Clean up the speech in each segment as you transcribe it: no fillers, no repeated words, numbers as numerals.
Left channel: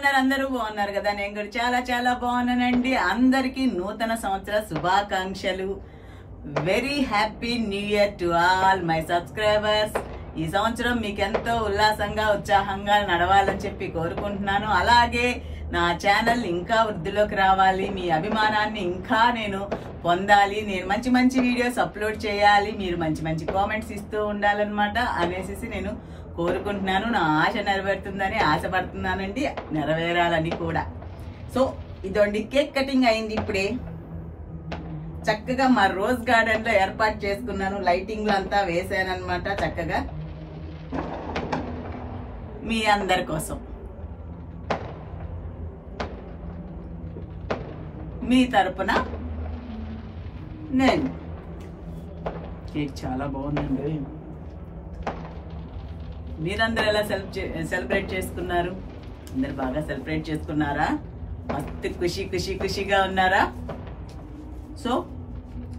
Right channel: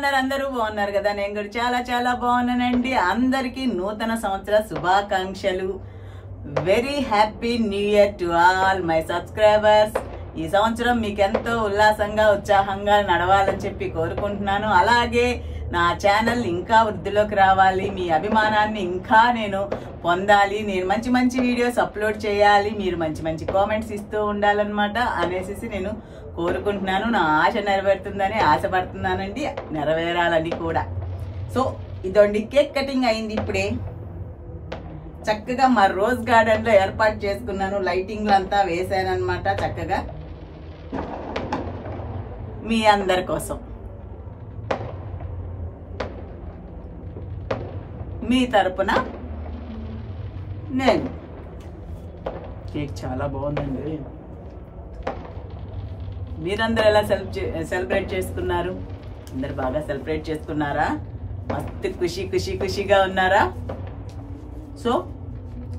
ఉన్నారు? అందరూ బాగున్నారు కదా? నేను కూడా చాలా చాలా బాగున్నానండి. అందరికీ నూతన సంవత్సర శుభాకాంక్షలు. Very happy new year to all my subscribers. ఈ సంవత్సరం మీకు ఎంతో ఉల్లాసంగా ఉత్సాహంగా నడవాలని చెప్పి కోరుకుంటున్నాను. అలాగే నా ఛానల్ ఇంకా వృద్ధిలోకి రావాలి, మీ అభిమానాన్ని ఇంకా నేను పొందాలి, నేను మంచి మంచి వీడియోస్ అప్లోడ్ చేయాలి, మీరు మంచి మంచి కామెంట్స్ ఇస్తూ ఉండాలన్నమాట అనేసి నేను కోరుకుంటున్నాను. నా ఆశ నెరవేరుతుందని ఆశపడుతున్నానండి, నెరవేరాలని కూడా. సో ఇదండి, కేక్ కటింగ్ అయింది ఇప్పుడే. చక్కగా మా రోజ్ గార్డెన్ లో ఏర్పాటు చేసుకున్నాను, లైటింగ్లు అంతా వేసాను అనమాట. చక్కగా మీ అందరి కోసం, మీ తరపున నేను. కేక్ చాలా బాగుందండి. మీరందరూ ఎలా సెలబ్రేట్ చేసుకున్నారు? అందరు బాగా సెలబ్రేట్ చేసుకున్నారా? మస్తు ఖుషిగా ఉన్నారా? సో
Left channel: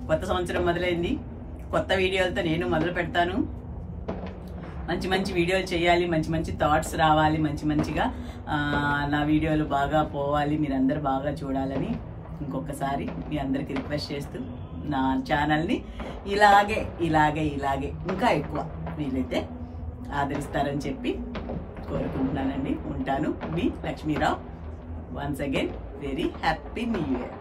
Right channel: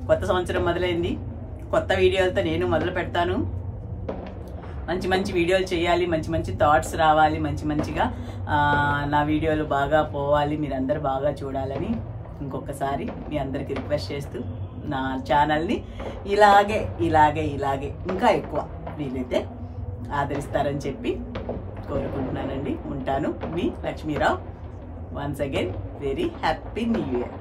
కొత్త సంవత్సరం మొదలైంది, కొత్త వీడియోలతో నేను మొదలు పెడతాను. మంచి మంచి వీడియోలు చేయాలి, మంచి మంచి థాట్స్ రావాలి, మంచి మంచిగా నా వీడియోలు బాగా పోవాలి, మీరందరూ బాగా చూడాలని ఇంకొకసారి మీ అందరికి రిక్వెస్ట్ చేస్తూ నా ఛానల్ని ఇలాగే ఇంకా ఎక్కువ వీలైతే ఆదరిస్తారని చెప్పి కోరుకుంటున్నానండి. ఉంటాను, మీ Lakshmi Rao. Once again very happy new year.